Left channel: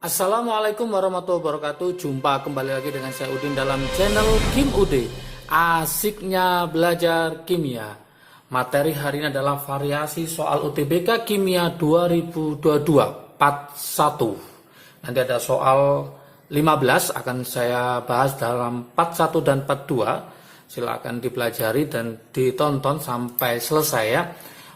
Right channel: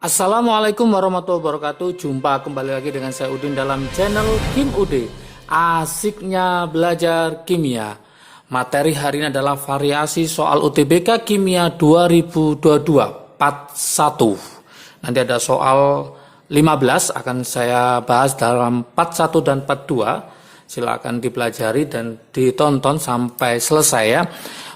Assalamualaikum warahmatullahi wabarakatuh. Jumpa kembali lagi dengan saya Udin dalam channel Kim Ude. Asiknya belajar kimia. Materi hari ini adalah variasi soal UTBK Kimia 2022 part 1. Nanti ada soal 15 akan saya bahas dalam part 1 dan part 2. Silakan dipelajari dan ditonton sampai selesai ya.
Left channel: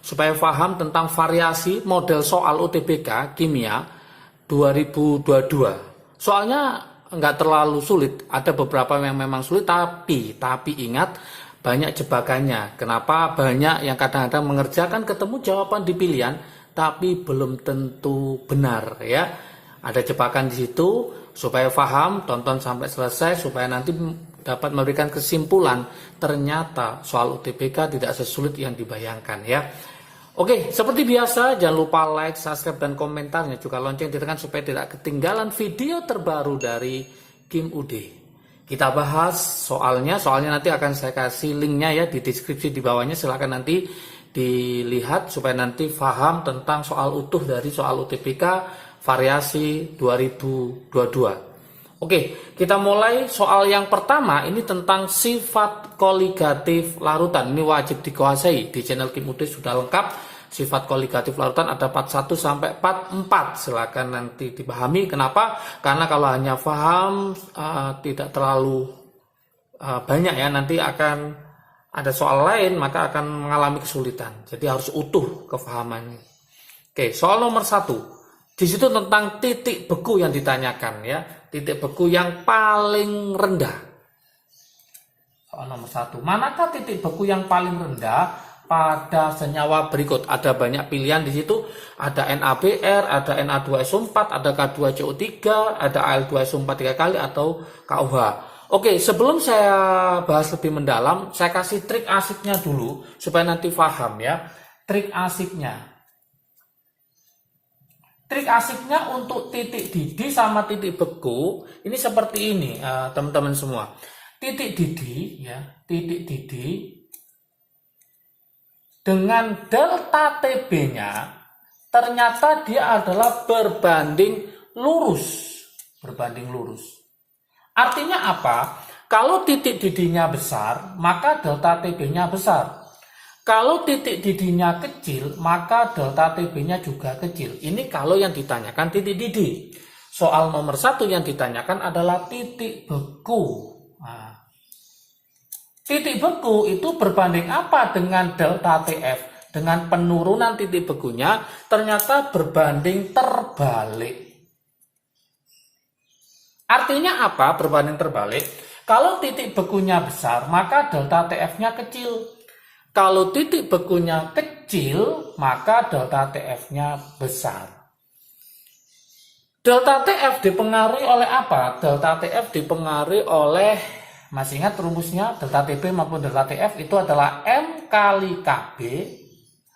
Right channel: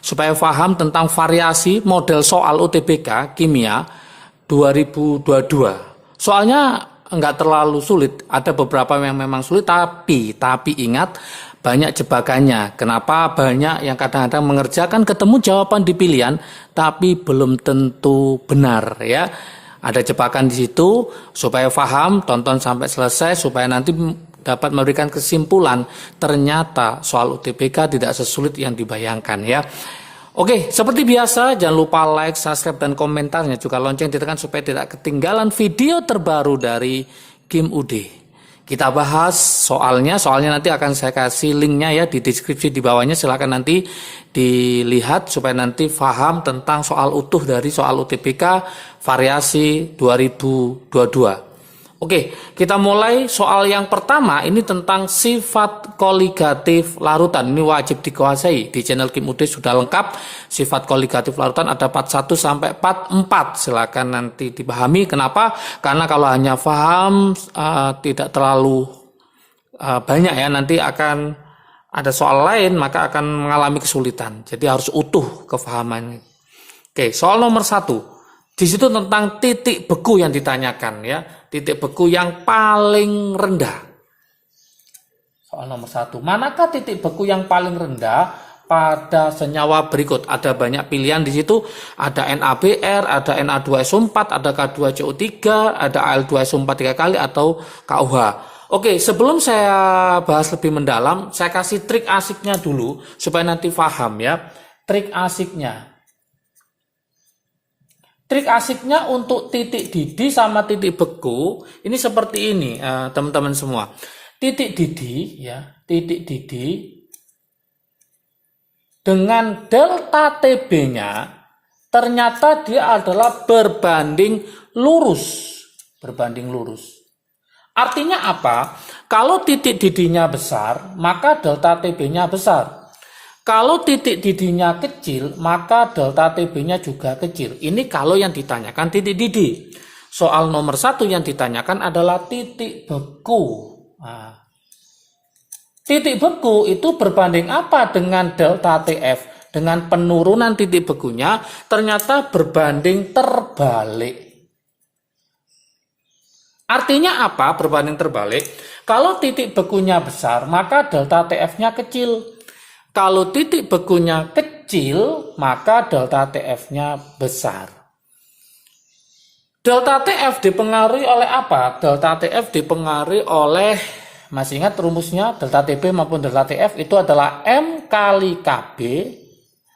Supaya paham tentang variasi model soal UTBK Kimia 2022. Soalnya enggak terlalu sulit, ada beberapa yang memang sulit tapi ingat banyak jebakannya. Kenapa banyak yang kadang-kadang mengerjakan ketemu jawaban di pilihan tapi belum tentu benar ya. Ada jebakan di situ supaya paham, tonton sampai selesai supaya nanti dapat memberikan kesimpulan ternyata soal UTBK tidak sesulit yang dibayangkan ya. Oke, seperti biasa jangan lupa like, subscribe, dan komentarnya. Juga lonceng ditekan supaya tidak ketinggalan video terbaru dari Kim UD. Kita bahas soalnya nanti akan saya kasih linknya ya di deskripsi di bawahnya. Silakan nanti dilihat supaya nanti paham tentang soal utuh dari soal UTBK variasi 2022. Oke, kita mulai soal yang pertama. Ini tentang sifat koligatif larutan. Ini wajib dikuasai. Di channel Kim Ude sudah lengkap. Sifat koligatif larutan ada part 1 sampai part 4. Silakan nanti dipahami. Kenapa? Karena kalau hanya paham tidak terlalu banyak ya. Nanti akan ada soal lain maka akan mengalami kesulitan. Jadi harus utuh kefahamannya. Oke, soal nomor 1. Di situ tentang titik beku yang ditanyakan ya. Titik beku yang paling rendah. Soal nomor 1. Manakah titik beku yang paling rendah pada senyawa berikut? Ada banyak pilihan di situ. Ada NaBr, ada Na2SO4, ada K2CO3, ada Al2SO4 3 kali atau KOH. Oke, sebelum saya bahas lebih mendalam, saya kasih trik asiknya dulu supaya nanti paham ya. Trik asiknya. Trik asiknya untuk titik didih sama titik beku ini seperti ini teman-teman semua. Titik didih ya, titik didih dengan delta TB-nya ternyata dia adalah berbanding lurus. Berbanding lurus. Artinya apa? Kalau titik didihnya besar, maka delta TB-nya besar. Kalau titik didihnya kecil, maka delta TB-nya juga kecil. Ini kalau yang ditanyakan titik didih. Soal nomor 1 yang ditanyakan adalah titik beku. Nah, titik beku itu berbanding apa dengan delta TF? Dengan penurunan titik bekunya, ternyata berbanding terbalik. Artinya apa berbanding terbalik? Kalau titik bekunya besar, maka delta TF-nya kecil. Kalau titik bekunya kecil, maka delta TF-nya besar. Delta TF dipengaruhi oleh apa? Delta TF dipengaruhi oleh, masih ingat rumusnya, delta TB maupun delta TF itu adalah M kali KB,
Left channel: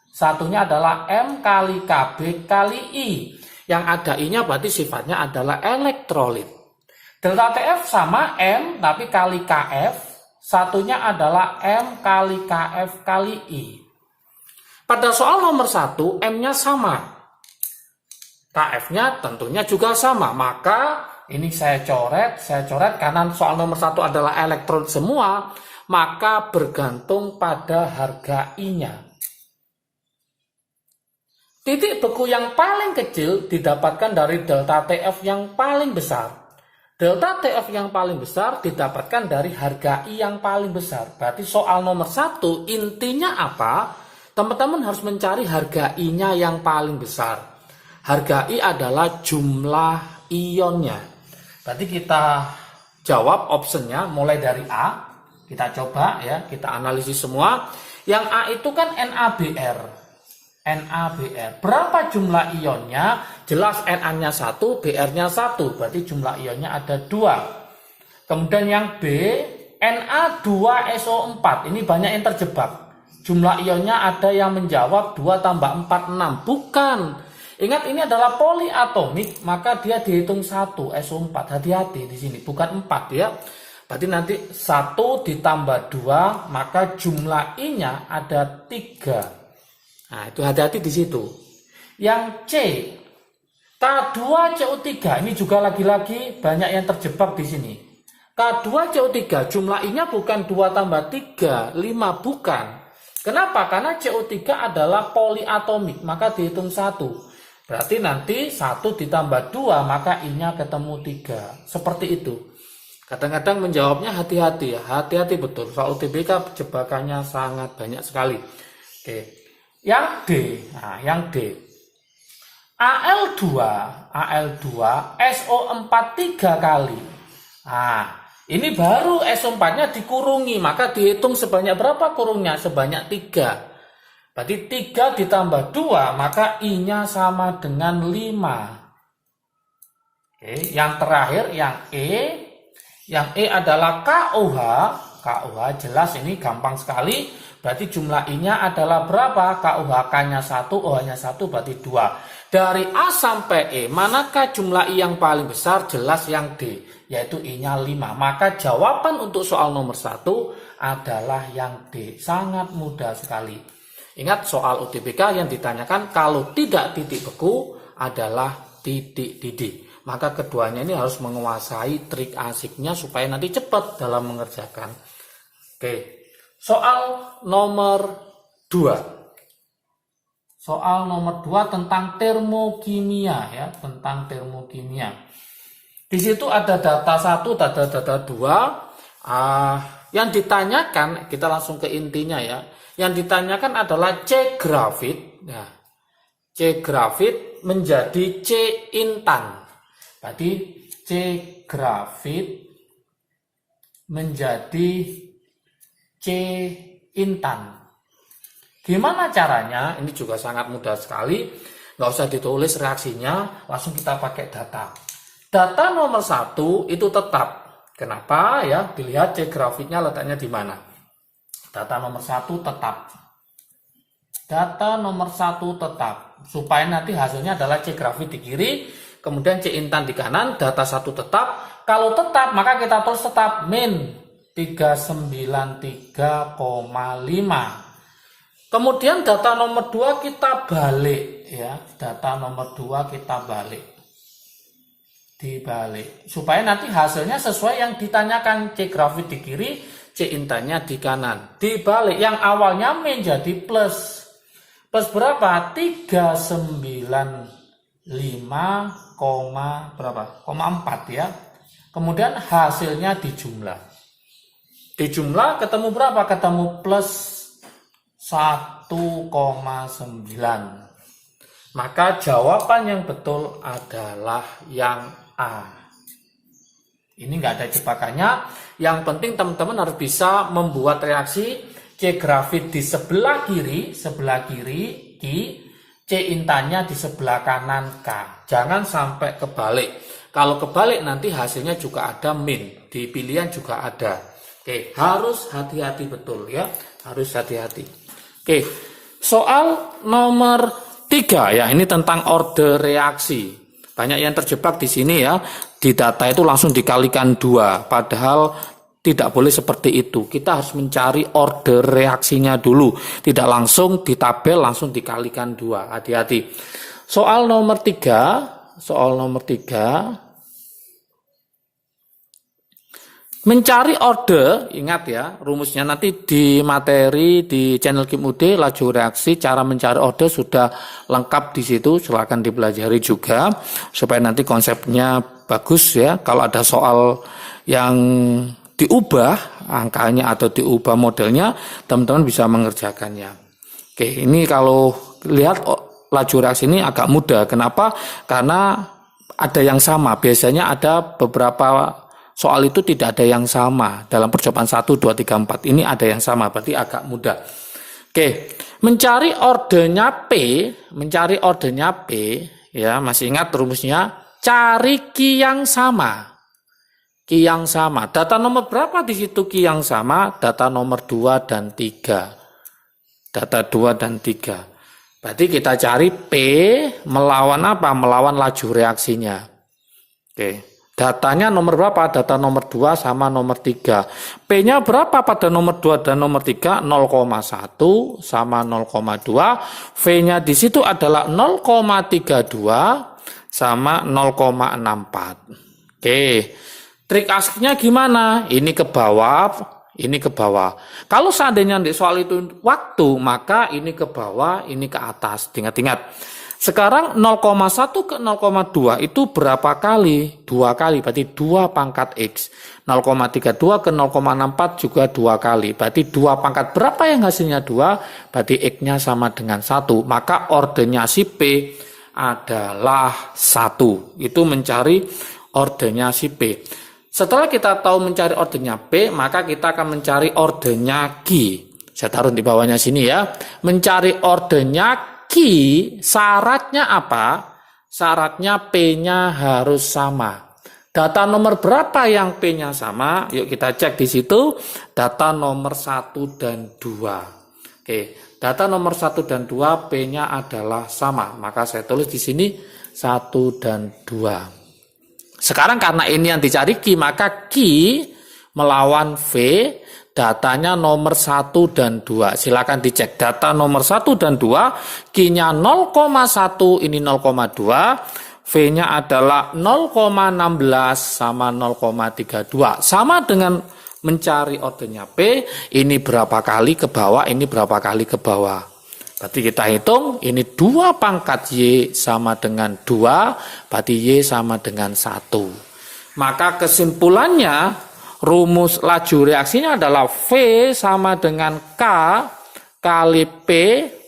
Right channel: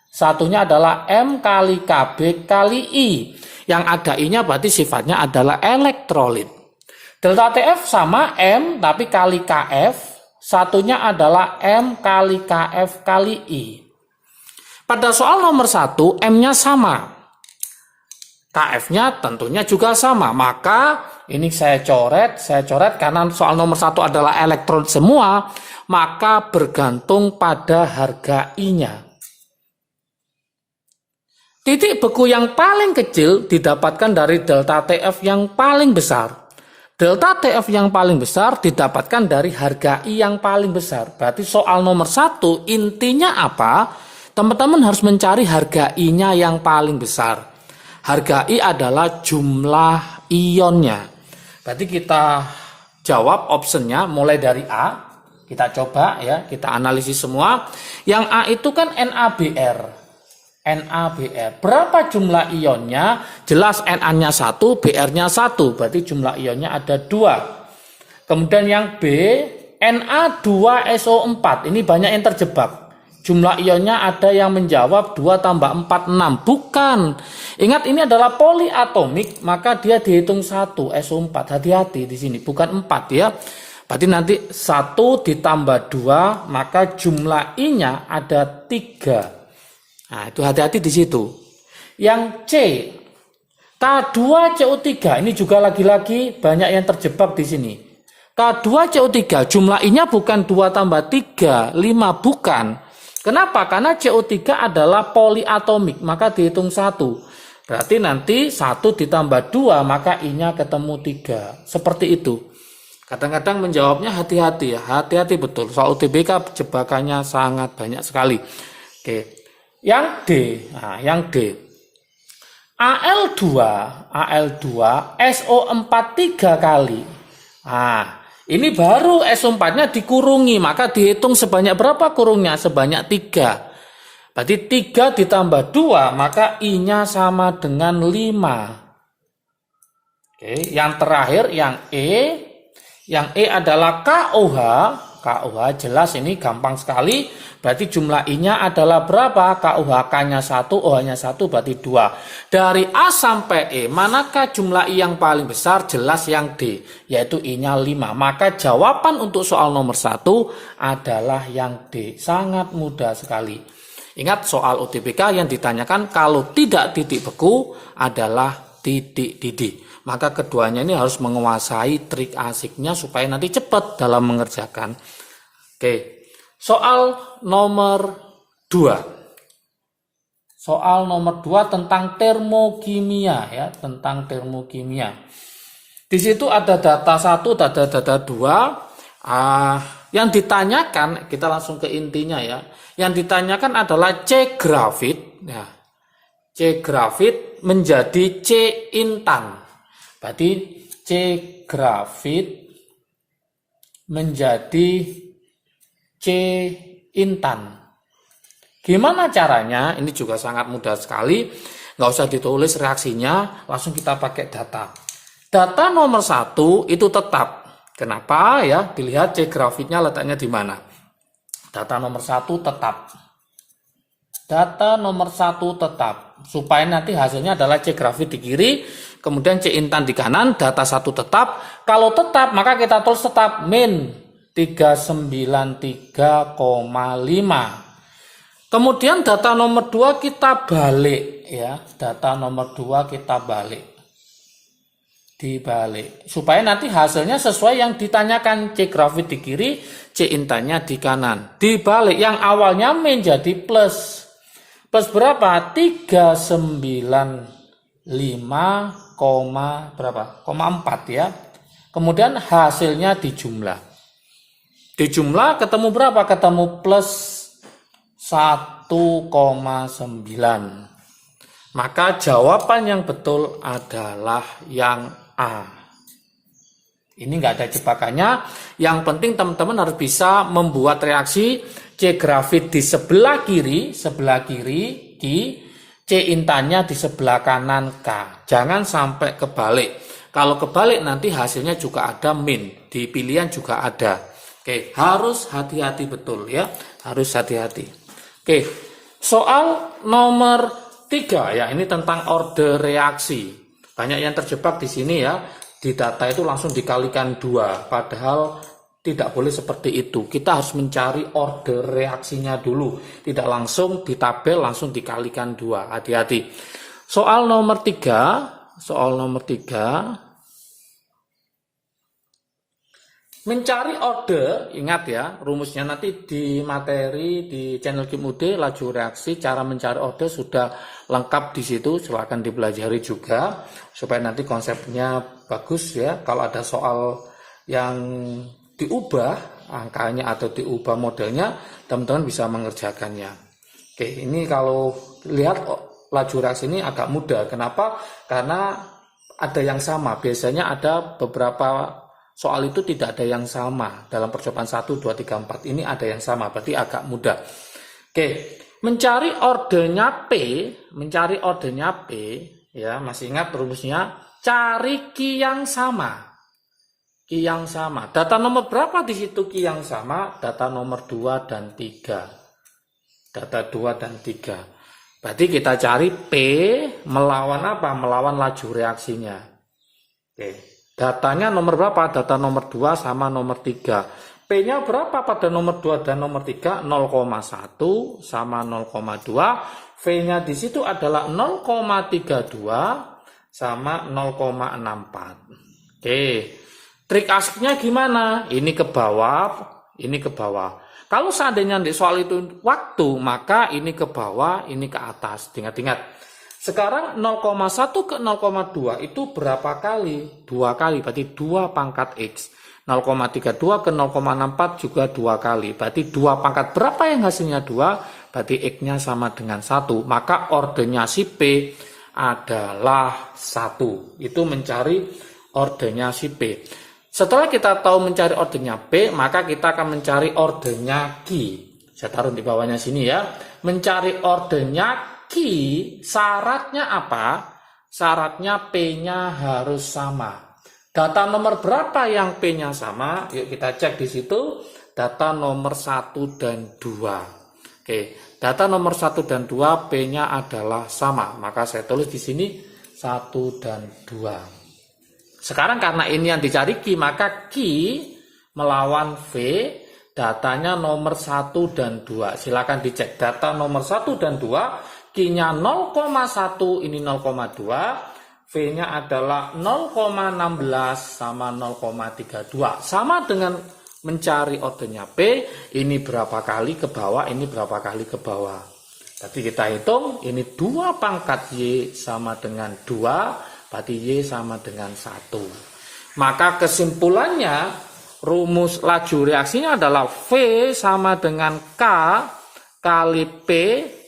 satunya adalah M kali KB kali I. Yang ada I-nya berarti sifatnya adalah elektrolit. Delta TF sama M tapi kali KF. Satunya adalah M kali KF kali I. Pada soal nomor 1, M-nya sama. KF-nya tentunya juga sama. Maka ini saya coret karena soal nomor 1 adalah elektron semua. Maka bergantung pada harga I-nya. Titik beku yang paling kecil didapatkan dari delta TF yang paling besar. Delta TF yang paling besar didapatkan dari harga I yang paling besar. Berarti soal nomor 1 intinya apa? Teman-teman harus mencari harga I-nya yang paling besar. Harga I adalah jumlah ionnya. Berarti kita jawab optionnya mulai dari A. Kita coba ya, kita analisis semua. Yang A itu kan NaBr. NaBr. Berapa jumlah ionnya? Jelas Na-nya 1, Br-nya 1. Berarti jumlah ionnya ada 2. Kemudian yang B, Na2SO4. Ini banyak yang terjebak. Jumlah ionnya ada yang menjawab 2 tambah 4, 6. Bukan. Ingat ini adalah poliatomik, maka dia dihitung 1, SO4. Hati-hati di sini, bukan 4 ya. Berarti nanti 1 ditambah 2, maka jumlah I-nya ada 3. Nah, itu hati-hati di situ. Yang C, K2CO3 ini juga lagi-lagi banyak yang terjebak di sini. K2CO3 jumlah I-nya bukan 2 tambah 3, 5 bukan. Kenapa? Karena CO3 adalah poliatomik, maka dihitung 1. Berarti nanti 1 ditambah 2, maka I-nya ketemu 3. Seperti itu. Kadang-kadang menjawabnya hati-hati ya, hati-hati betul. Soal UTBK jebakannya sangat banyak sekali. Oke. Yang D, yang D. Al2 SO4 3 kali. Ini baru SO4-nya dikurungi, maka dihitung sebanyak berapa kurungnya? Sebanyak 3. Berarti 3 ditambah 2, maka I-nya sama dengan 5. Oke, yang terakhir yang E. Yang E adalah KOH. KOH jelas ini gampang sekali. Berarti jumlah I-nya adalah berapa? KOH-nya 1, OH-nya 1 berarti 2. Dari A sampai E, manakah jumlah I yang paling besar? Jelas yang D, yaitu I-nya 5. Maka jawaban untuk soal nomor 1 adalah yang D. Sangat mudah sekali. Ingat soal UTBK yang ditanyakan kalau tidak titik beku adalah titik didih. Maka keduanya ini harus menguasai trik asiknya supaya nanti cepat dalam mengerjakan. Oke. Soal nomor 2. Soal nomor 2 tentang termokimia ya, tentang termokimia. Di situ ada data 1, data 2. Yang ditanyakan, kita langsung ke intinya ya. Yang ditanyakan adalah C grafit ya. C grafit menjadi C intan. Berarti C grafit menjadi C intan. Gimana caranya? Ini juga sangat mudah sekali. Nggak usah ditulis reaksinya, langsung kita pakai data. Data nomor 1 itu tetap. Kenapa ya? Dilihat C grafitnya letaknya di mana. Data nomor 1 tetap. Data nomor 1 tetap. Supaya nanti hasilnya adalah C grafit di kiri, kemudian C intan di kanan, data 1 tetap. Kalau tetap, maka kita tulis tetap min 393,5. Kemudian data nomor 2 kita balik ya. Data nomor 2 kita balik. Dibalik. Supaya nanti hasilnya sesuai yang ditanyakan. C grafit di kiri, C intannya di kanan. Dibalik. Yang awalnya min jadi plus. Plus berapa? 395, berapa? 4 ya. Kemudian hasilnya dijumlah. Dijumlah ketemu berapa? Ketemu plus 1,9. Maka jawaban yang betul adalah yang A. Ini nggak ada jebakannya. Yang penting teman-teman harus bisa membuat reaksi C grafit di sebelah kiri Q, C intannya di sebelah kanan K. Jangan sampai kebalik. Kalau kebalik nanti hasilnya juga ada min. Di pilihan juga ada. Oke, harus hati-hati betul ya, harus hati-hati. Oke, soal nomor 3 ya, ini tentang order reaksi. Banyak yang terjebak di sini ya, di data itu langsung dikalikan 2, padahal tidak boleh seperti itu. Kita harus mencari order reaksinya dulu, tidak langsung di tabel langsung dikalikan 2. Hati-hati. Soal nomor 3, mencari order, ingat ya, rumusnya nanti di materi di channel Kim UD, laju reaksi, cara mencari order sudah lengkap di situ, silakan dipelajari juga supaya nanti konsepnya bagus ya. Kalau ada soal yang diubah angkanya atau diubah modelnya, teman-teman bisa mengerjakannya. Oke, ini kalau lihat laju reaksi ini agak mudah. Kenapa? Karena ada yang sama. Biasanya ada beberapa soal itu tidak ada yang sama. Dalam percobaan 1, 2, 3, 4 ini ada yang sama, berarti agak mudah. Oke, mencari ordernya P ya, masih ingat rumusnya? Cari Q yang sama. Q yang sama. Data nomor berapa di situ Q yang sama? Data nomor 2 dan 3. Data 2 dan 3. Berarti kita cari P melawan apa? Melawan laju reaksinya. Oke. Datanya nomor berapa? Data nomor 2 sama nomor 3. P-nya berapa pada nomor 2 dan nomor 3? 0,1 sama 0,2. V-nya di situ adalah 0,32 sama 0,64. Oke, trik asiknya gimana? Ini ke bawah, ini ke bawah. Kalau seandainya di soal itu waktu, maka ini ke bawah, ini ke atas. Ingat-ingat. Sekarang 0,1 ke 0,2 itu berapa kali? 2 kali, berarti 2 pangkat X. 0,32 ke 0,64 juga 2 kali. Berarti 2 pangkat berapa yang hasilnya 2? Berarti X-nya sama dengan 1. Maka ordernya si P adalah 1. Itu mencari ordernya si P. Setelah kita tahu mencari ordernya P, maka kita akan mencari ordernya Q. Saya taruh di bawahnya sini ya. Mencari ordernya Q, syaratnya apa? Syaratnya P-nya harus sama. Data nomor berapa yang P-nya sama? Yuk kita cek di situ. Data nomor 1 dan 2. Oke, data nomor 1 dan 2 P-nya adalah sama. Maka saya tulis di sini 1 dan 2. Sekarang karena ini yang dicari Q, maka Q melawan V, datanya nomor 1 dan 2. Silakan dicek data nomor 1 dan 2. Q-nya 0,1, ini 0,2. V-nya adalah 0,16 sama 0,32. Sama dengan mencari ordernya P, ini berapa kali ke bawah, ini berapa kali ke bawah. Berarti kita hitung, ini 2 pangkat Y sama dengan 2, berarti Y sama dengan 1. Maka kesimpulannya, rumus laju reaksinya adalah V sama dengan K kali P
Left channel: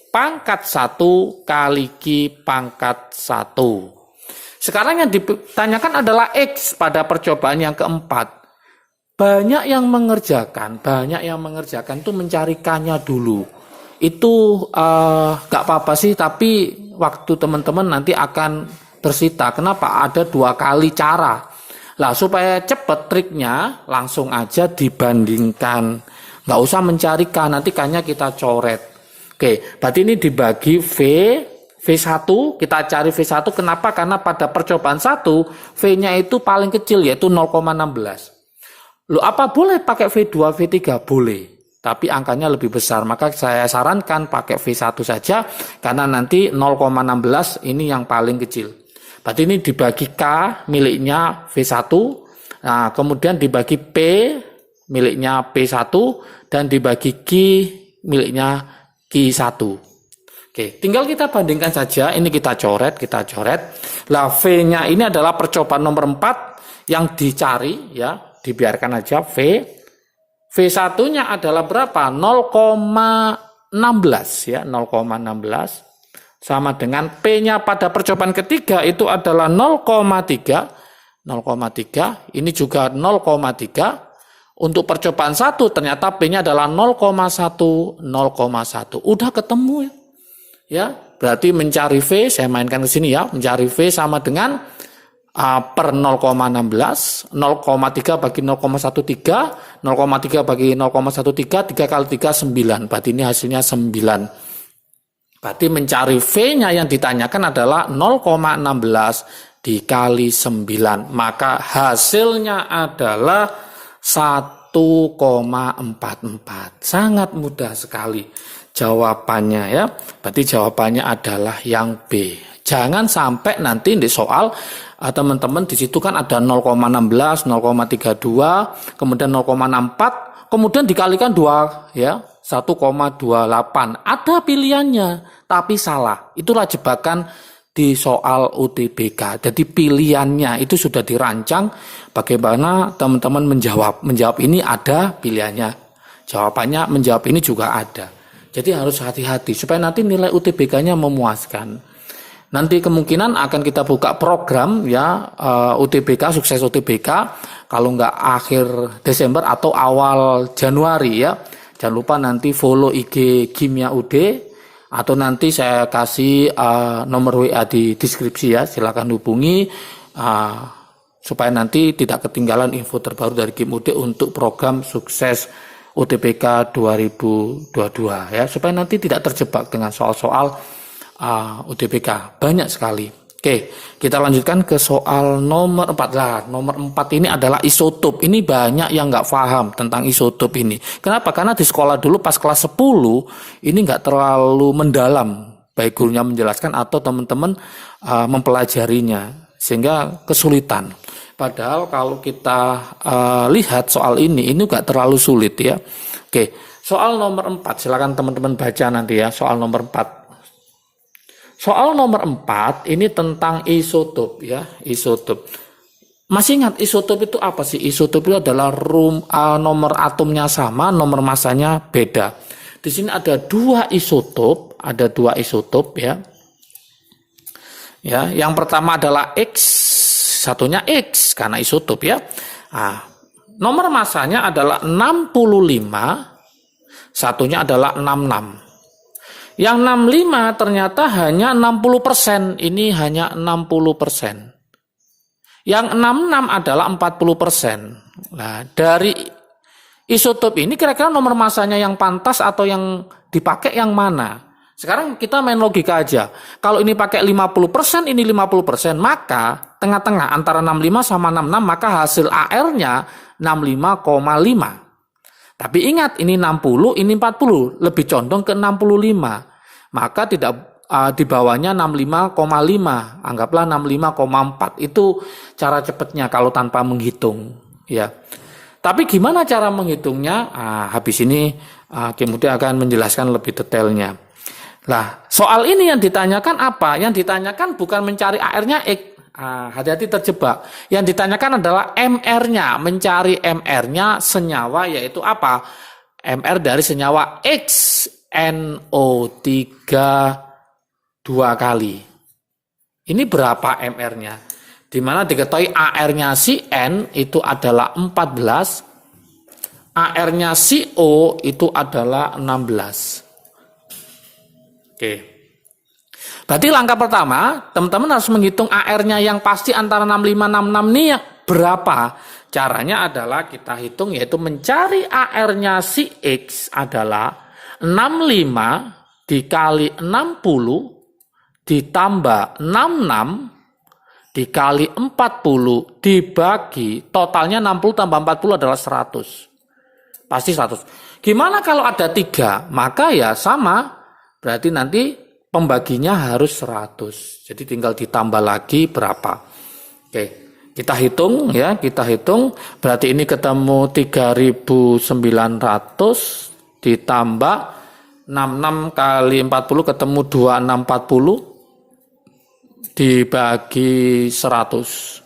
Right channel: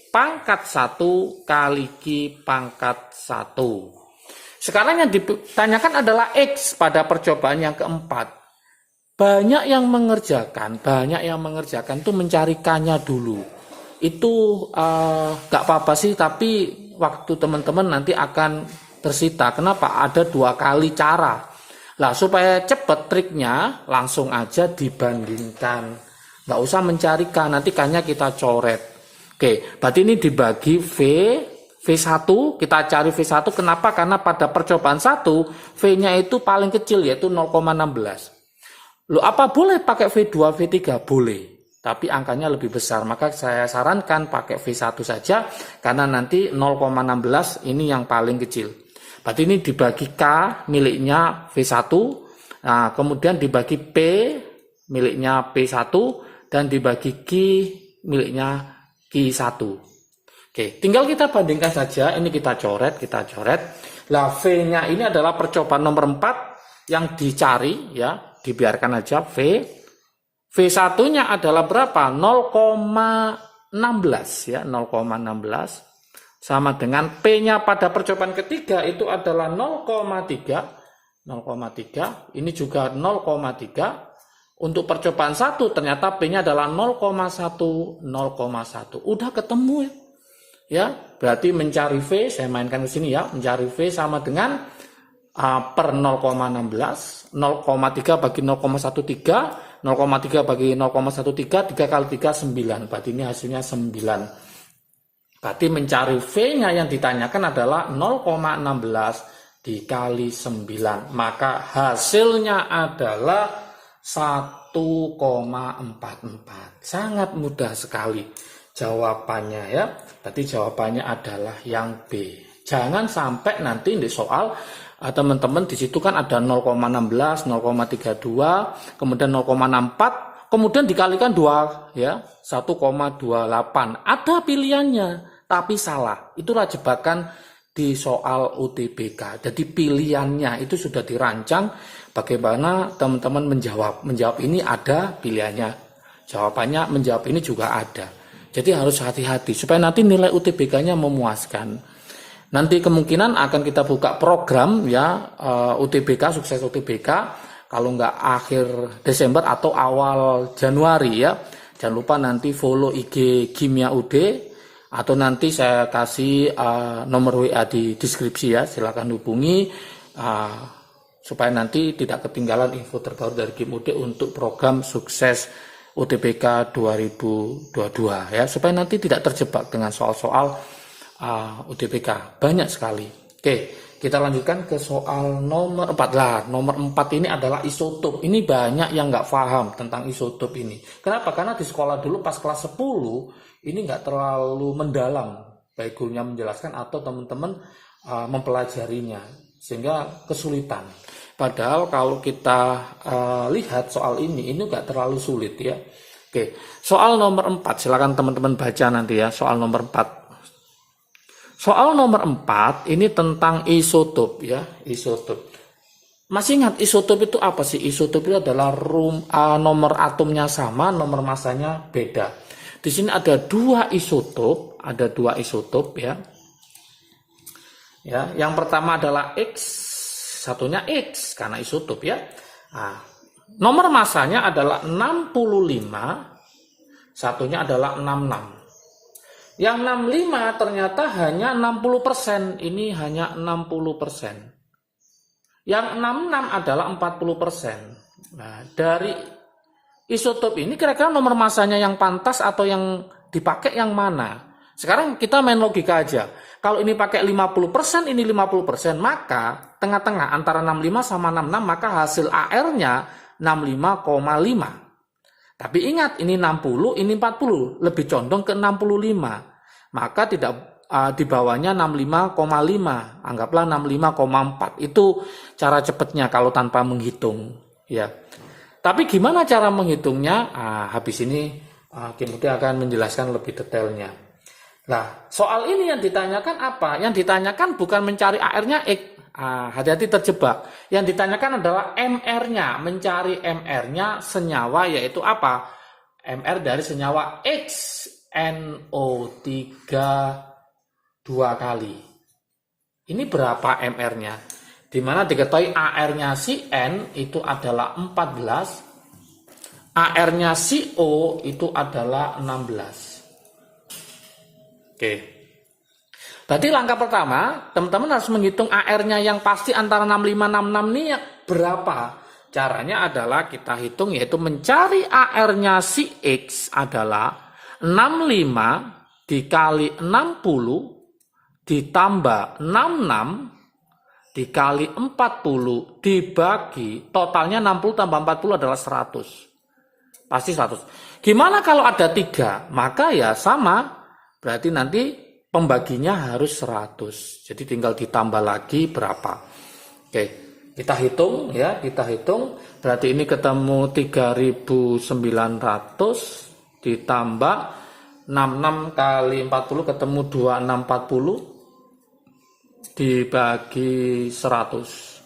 pangkat 1 kali Q pangkat 1. Sekarang yang ditanyakan adalah X pada percobaan yang keempat. Banyak yang mengerjakan itu mencari K-nya dulu. Itu gak apa-apa sih, tapi waktu teman-teman nanti akan tersita. Kenapa? Ada 2 kali cara. Lah supaya cepet triknya, langsung aja dibandingkan. Gak usah mencari K, nanti K-nya kita coret. Oke, berarti ini dibagi V1, kita cari V1, kenapa? Karena pada percobaan 1, V-nya itu paling kecil, yaitu 0,16. Loh, apa boleh pakai V2, V3? Boleh, tapi angkanya lebih besar. Maka saya sarankan pakai V1 saja, karena nanti 0,16 ini yang paling kecil. Berarti ini dibagi K miliknya V1, nah, kemudian dibagi P miliknya P1, dan dibagi Q miliknya Q1. Oke, tinggal kita bandingkan saja. Ini kita coret. Lah V-nya ini adalah percobaan nomor 4 yang dicari ya, dibiarkan aja V. V1-nya adalah berapa? 0,16 ya, 0,16 sama dengan P-nya pada percobaan ketiga itu adalah 0,3. Ini juga 0,3. Untuk percobaan 1 ternyata P-nya adalah 0,1. Udah ketemu ya. Ya, berarti mencari V, saya mainkan ke sini ya, mencari V sama dengan per 0,16, 0,3 bagi 0,13, 0,3 bagi 0,13, 3 kali 3, 9, berarti ini hasilnya 9. Berarti mencari V-nya yang ditanyakan adalah 0,16 dikali 9, maka hasilnya adalah 1,44. Sangat mudah sekali jawabannya ya. Berarti jawabannya adalah yang B. Jangan sampai nanti di soal teman-teman di situ kan ada 0,16, 0,32, kemudian 0,64, kemudian dikalikan 2 ya, 1,28. Ada pilihannya, tapi salah. Itulah jebakan di soal UTBK. Jadi pilihannya itu sudah dirancang bagaimana teman-teman menjawab. Menjawab ini ada pilihannya. Jawabannya menjawab ini juga ada. Jadi harus hati-hati supaya nanti nilai UTBK-nya memuaskan. Nanti kemungkinan akan kita buka program ya UTBK, sukses UTBK. Kalau nggak akhir Desember atau awal Januari ya. Jangan lupa nanti follow IG Kimia UD atau nanti saya kasih nomor WA di deskripsi ya. Silakan hubungi supaya nanti tidak ketinggalan info terbaru dari Kim UD untuk program sukses UTBK 2022 ya, supaya nanti tidak terjebak dengan soal-soal UTBK banyak sekali. Oke, kita lanjutkan ke soal nomor 4 lah. Nomor 4 ini adalah isotop. Ini banyak yang nggak paham tentang isotop ini. Kenapa? Karena di sekolah dulu pas kelas 10 ini nggak terlalu mendalam, baik gurunya menjelaskan atau teman-teman mempelajarinya sehingga kesulitan. Padahal kalau kita lihat soal ini gak terlalu sulit ya. Oke, soal nomor 4, silakan teman-teman baca nanti ya, soal nomor 4. Soal nomor 4 ini tentang isotop ya, isotop. Masih ingat isotop itu apa sih? Isotop itu adalah nomor atomnya sama, nomor masanya beda. Di sini ada dua isotop ya. Ya, yang pertama adalah X, satunya X karena isotop ya. Nah, nomor masanya adalah 65, satunya adalah 66. Yang 65 ternyata hanya 60%, ini hanya 60%. Yang 66 adalah 40%. Nah, dari isotop ini kira-kira nomor masanya yang pantas atau yang dipakai yang mana? Sekarang kita main logika aja. Kalau ini pakai 50%, ini 50%, maka tengah-tengah antara 65 sama 66, maka hasil AR-nya 65,5. Tapi ingat, ini 60, ini 40, lebih condong ke 65. Maka tidak di bawahnya 65,5, anggaplah 65,4. Itu cara cepatnya kalau tanpa menghitung, ya. Tapi gimana cara menghitungnya? Habis ini kemudian akan menjelaskan lebih detailnya. Nah, soal ini yang ditanyakan apa? Yang ditanyakan bukan mencari AR-nya X. Hati-hati terjebak. Yang ditanyakan adalah MR-nya, mencari MR-nya senyawa, yaitu apa? MR dari senyawa X, NO3 2 kali. Ini berapa MR-nya? Di mana diketahui AR-nya si N itu adalah 14, AR-nya si O itu adalah 16. Oke. Berarti langkah pertama, teman-teman harus menghitung AR-nya yang pasti antara 65-66 ini berapa. Caranya adalah kita hitung, yaitu mencari AR-nya si X adalah 65 dikali 60 ditambah 66 dikali 40 dibagi, totalnya 60 tambah 40 adalah 100. Pasti 100. Gimana kalau ada 3? Maka ya sama. Berarti nanti pembaginya harus 100. Jadi tinggal ditambah lagi berapa. Oke, kita hitung ya, kita hitung. Berarti ini ketemu 3.900 ditambah 66 kali 40 ketemu 2640 dibagi 100.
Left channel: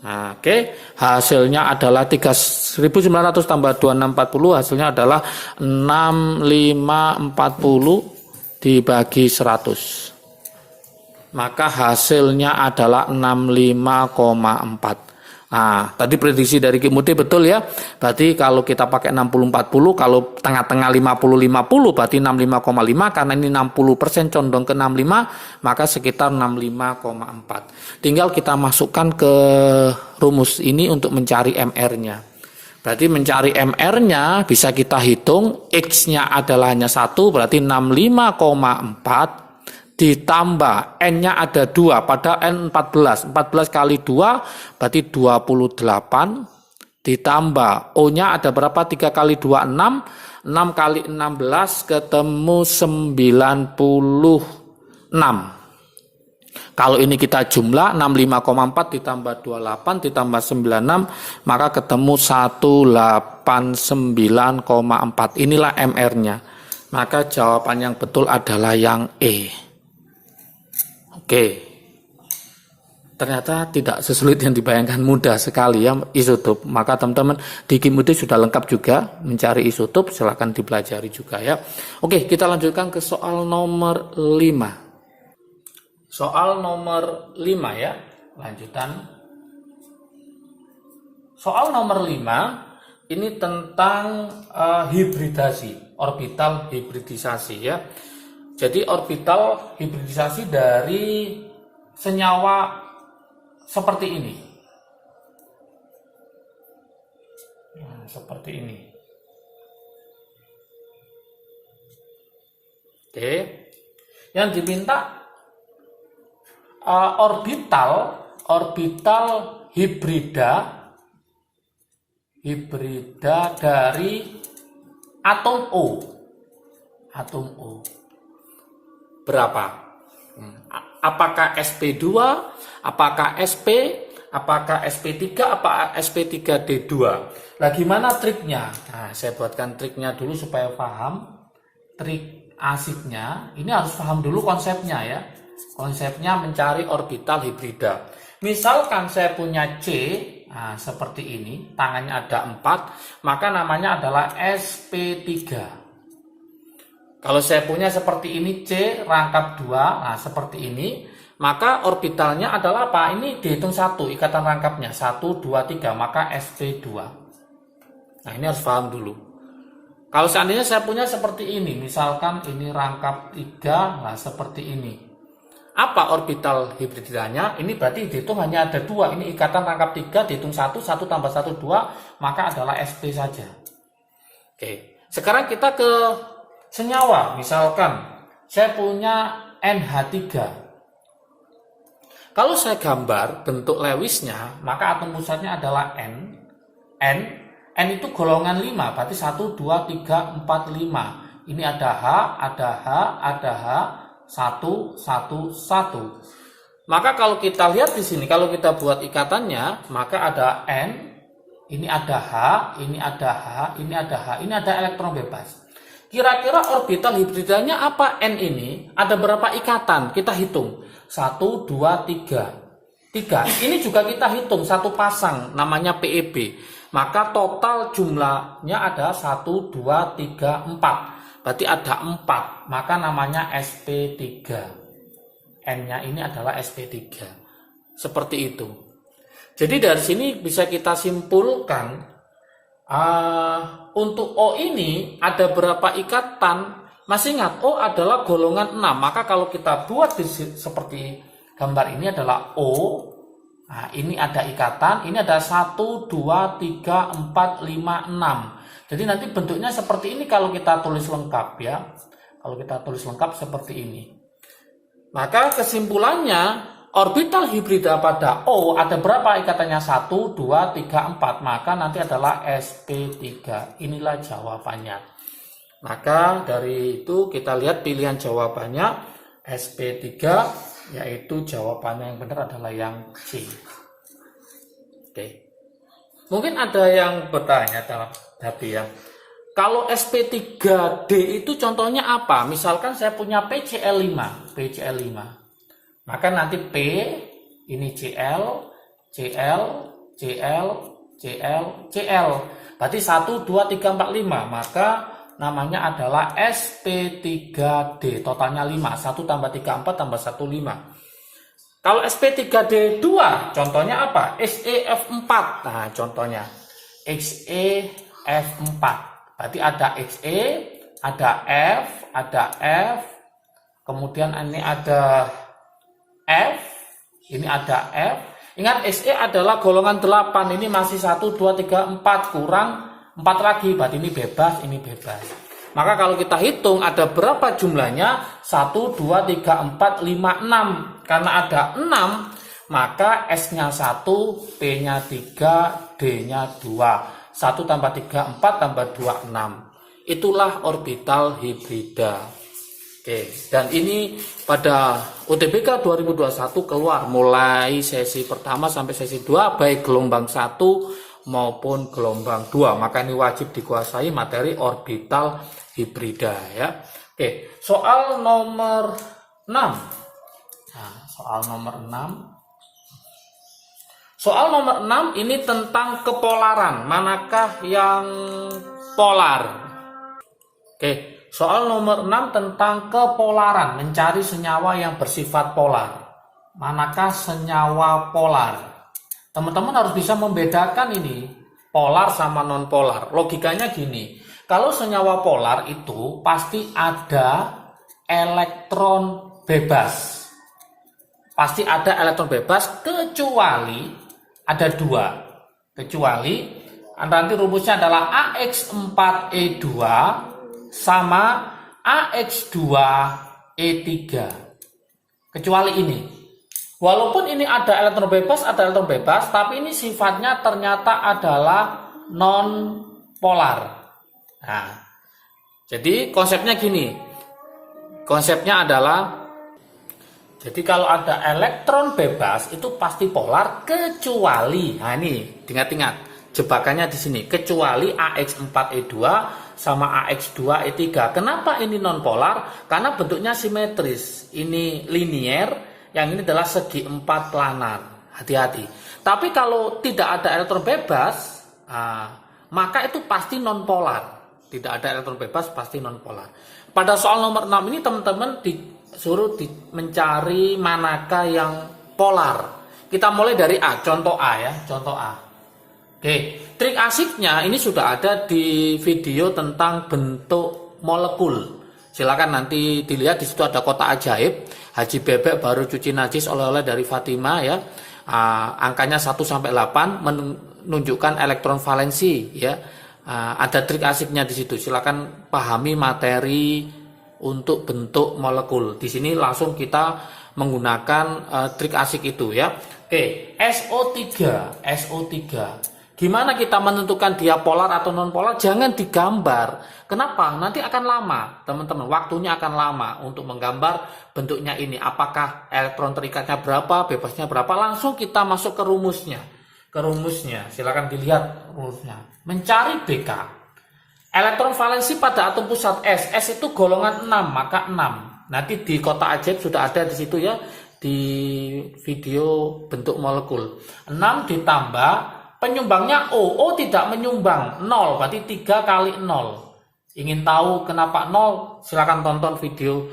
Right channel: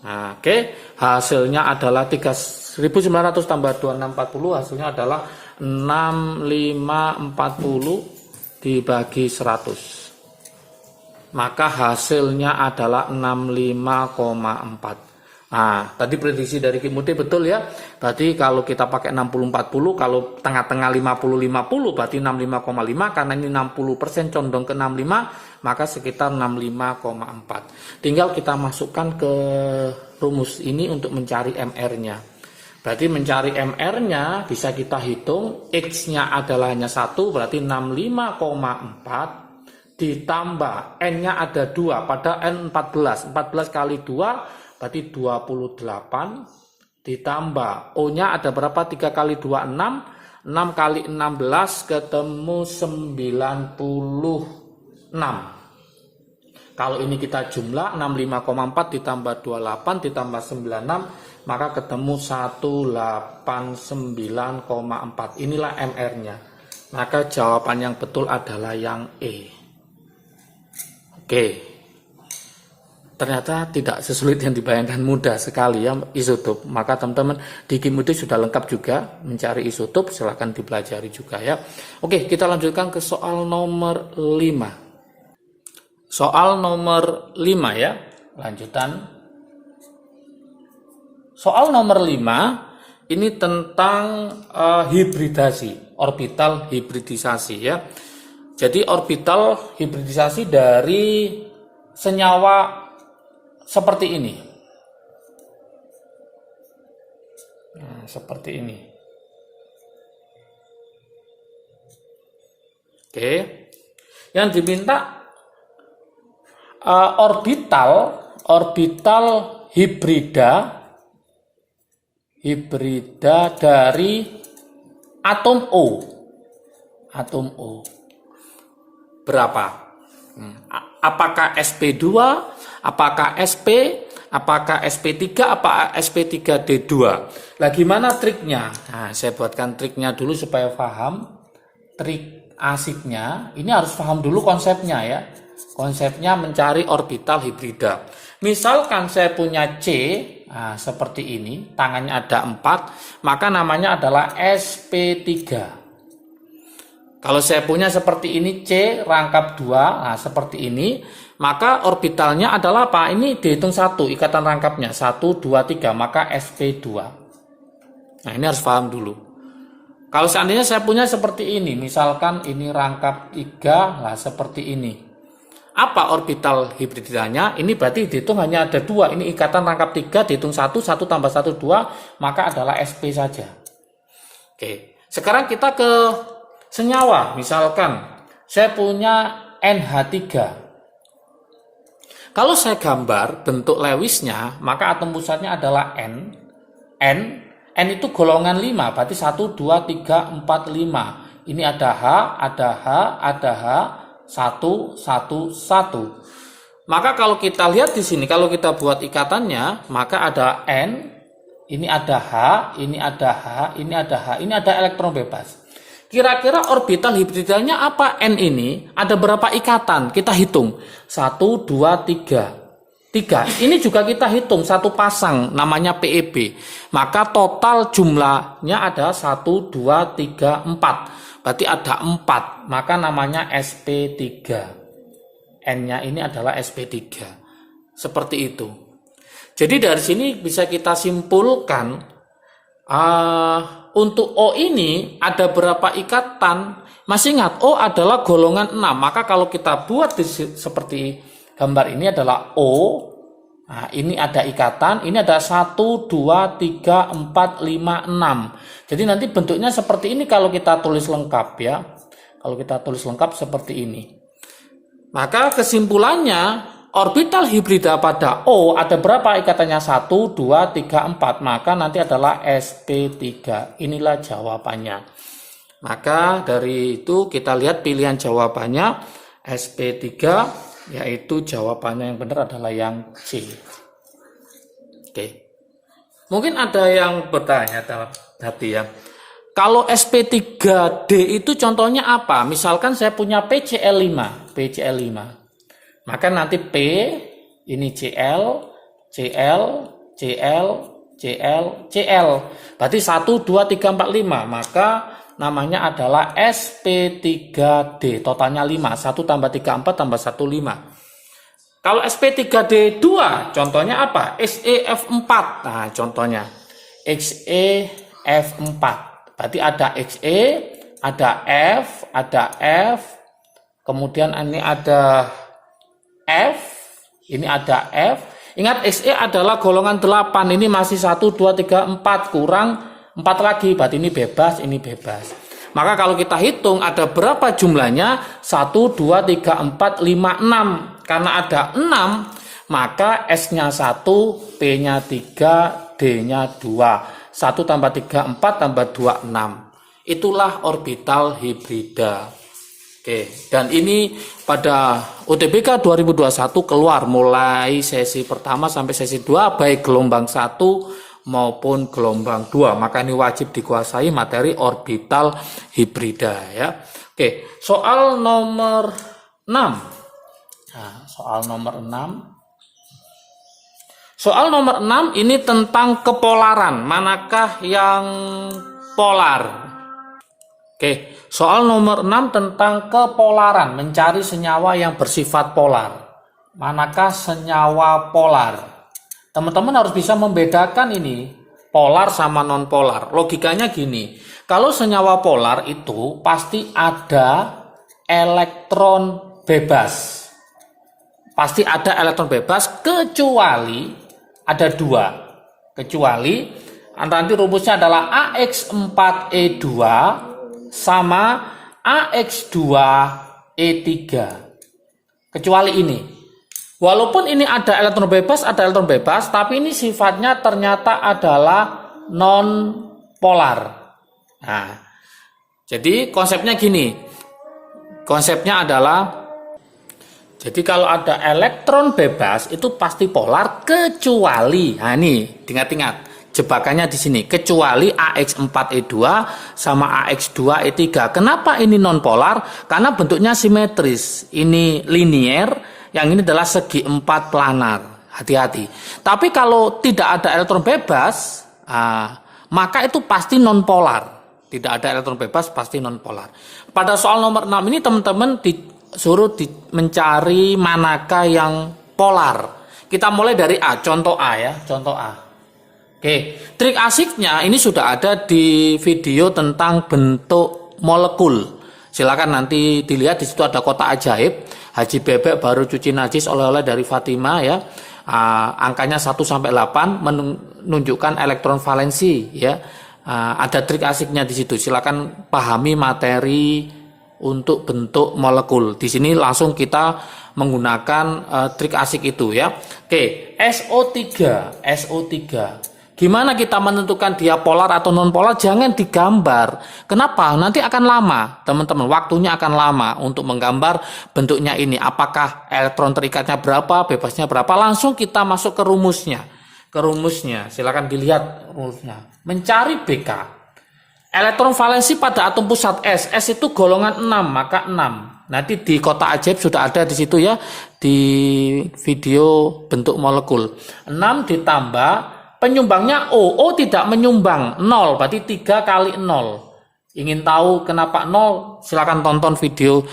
Nah, oke, hasilnya adalah 3.900 tambah 2640, hasilnya adalah 6540 dibagi 100. Maka hasilnya adalah 65,4. Nah, tadi prediksi dari Ki Muti betul ya. Berarti kalau kita pakai 60-40, kalau tengah-tengah 50-50, berarti 65,5. Karena ini 60% condong ke 65, maka sekitar 65,4. Tinggal kita masukkan ke rumus ini untuk mencari MR-nya. Berarti mencari MR-nya bisa kita hitung, X-nya adalah hanya 1, berarti 65,4. Ditambah N-nya ada 2, pada N 14. 14 kali 2 berarti 28. Ditambah O-nya ada berapa? 3 kali 2, 6. 6 kali 16 ketemu 96. Kalau ini kita jumlah 65,4 ditambah 28 ditambah 96, maka ketemu 189,4. Inilah MR-nya. Maka jawaban yang betul adalah yang E. Oke, ternyata tidak sesulit yang dibayangkan, mudah sekali ya isotop. Maka teman-teman di Ki Muti sudah lengkap juga mencari isotop, silahkan dipelajari juga ya. Oke, kita lanjutkan ke soal nomor 5. Soal nomor 5 ya, lanjutan. Soal nomor 5 ini tentang hibridasi, orbital hibridisasi ya. Jadi orbital hibridisasi dari senyawa seperti ini. Nah, seperti ini. Oke. Yang diminta orbital hibrida dari atom O. Berapa? Apakah sp2, apakah sp, apakah sp3, apa sp3d2. Lah gimana triknya? Nah, saya buatkan triknya dulu supaya paham. Trik asiknya, ini harus paham dulu konsepnya ya. Konsepnya mencari orbital hibrida. Misalkan saya punya C, nah, seperti ini, tangannya ada 4, maka namanya adalah sp3. Kalau saya punya seperti ini C rangkap 2, nah seperti ini, maka orbitalnya adalah apa? Ini dihitung 1, ikatan rangkapnya 1, 2, 3, maka sp2. Nah, ini harus paham dulu. Kalau seandainya saya punya seperti ini, misalkan ini rangkap 3, nah seperti ini. Apa orbital hibridanya? Ini berarti dihitung hanya ada 2. Ini ikatan rangkap 3, dihitung 1, 1 tambah 1, 2, maka adalah sp saja. Oke, sekarang kita ke senyawa. Misalkan saya punya NH3. Kalau saya gambar bentuk Lewisnya, maka atom pusatnya adalah N. N itu golongan 5, berarti 1, 2, 3, 4, 5. Ini ada H, ada H, ada H, 1, 1, 1. Maka kalau kita lihat di sini, kalau kita buat ikatannya, maka ada N, ini ada H, ini ada H, ini ada H, ini ada elektron bebas. Kira-kira orbital hibridanya apa N ini? Ada berapa ikatan? Kita hitung. 1, 2, 3. 3. Ini juga kita hitung satu pasang namanya PEB. Maka total jumlahnya ada 1, 2, 3, 4. Berarti ada 4. Maka namanya sp3. N-nya ini adalah sp3. Seperti itu. Jadi dari sini bisa kita simpulkan untuk O ini ada berapa ikatan? Masih ingat, O adalah golongan 6. Maka kalau kita buat seperti gambar ini adalah O. Nah, ini ada ikatan, ini ada 1, 2, 3, 4, 5, 6. Jadi nanti bentuknya seperti ini kalau kita tulis lengkap ya. Kalau kita tulis lengkap seperti ini. Maka kesimpulannya, orbital hibrida pada O ada berapa ikatannya? 1, 2, 3, 4. Maka nanti adalah sp3. Inilah jawabannya. Maka dari itu kita lihat pilihan jawabannya sp3, yaitu jawabannya yang benar adalah yang C. Oke. Mungkin ada yang bertanya tadi ya. Kalau sp3d itu contohnya apa? Misalkan saya punya PCl5. Maka nanti P ini Cl, Cl, Cl, Cl, Cl. Berarti 1, 2, 3, 4, 5. Maka namanya adalah sp3d. Totalnya 5. 1 tambah 3, 4 tambah 1, 5. Kalau sp3d2 contohnya apa? XeF4. Nah, contohnya XeF4. Berarti ada Xe, ada F, ada F. Kemudian ini ada F, ini ada F. Ingat Xe adalah golongan 8. Ini masih 1, 2, 3, 4. Kurang 4 lagi. Berarti ini bebas, ini bebas. Maka kalau kita hitung ada berapa jumlahnya? 1, 2, 3, 4, 5, 6. Karena ada 6, maka S-nya 1, P-nya 3, D-nya 2. 1 tambah 3, 4 tambah 2, 6. Itulah orbital hibrida. Oke, dan ini pada UTBK 2021 keluar mulai sesi pertama sampai sesi 2 baik gelombang 1 maupun gelombang 2. Maka ini wajib dikuasai materi orbital hibrida ya. Oke, soal nomor 6. Nah, soal nomor 6. Soal nomor 6 ini tentang kepolaran. Manakah yang polar? Oke, soal nomor 6 tentang kepolaran, mencari senyawa yang bersifat polar. Manakah senyawa polar? Teman-teman harus bisa membedakan ini, polar sama non-polar. Logikanya gini, kalau senyawa polar itu pasti ada elektron bebas. Pasti ada elektron bebas kecuali ada 2. Kecuali nanti rumusnya adalah AX4E2 sama AX2E3. Kecuali ini. Walaupun ini ada elektron bebas, tapi ini sifatnya ternyata adalah non-polar. Nah, jadi konsepnya gini. Konsepnya adalah Jadi kalau ada elektron bebas itu pasti polar kecuali, nah ini ingat-ingat jebakannya di sini, kecuali AX4E2 sama AX2E3. Kenapa ini non polar? Karena bentuknya simetris. Ini linier, yang ini adalah segi 4 planar. Hati-hati. Tapi kalau tidak ada elektron bebas, maka itu pasti non polar. Tidak ada elektron bebas pasti non polar. Pada soal nomor 6 ini teman-teman disuruh mencari manakah yang polar. Kita mulai dari A, contoh A ya, contoh A. Oke, trik asiknya ini sudah ada di video tentang bentuk molekul. Silakan nanti dilihat, di situ ada kotak ajaib. Haji Bebek baru cuci najis oleh-oleh dari Fatima ya. Angkanya 1 sampai 8 menunjukkan elektron valensi ya. Ada trik asiknya di situ. Silakan pahami materi untuk bentuk molekul. Di sini langsung kita menggunakan trik asik itu ya. Oke, SO3. Gimana kita menentukan dia polar atau non polar? Jangan digambar. Kenapa? Nanti akan lama, teman-teman. Waktunya akan lama untuk menggambar bentuknya ini. Apakah elektron terikatnya berapa, bebasnya berapa? Langsung kita masuk ke rumusnya. Silakan dilihat rumusnya. Mencari BK. Elektron valensi pada atom pusat S. S itu golongan 6, maka 6. Nanti di kotak ajaib sudah ada di situ ya, di video bentuk molekul. 6 ditambah penyumbangnya O. O tidak menyumbang, 0, berarti 3 kali 0. Ingin tahu kenapa 0? Silakan tonton video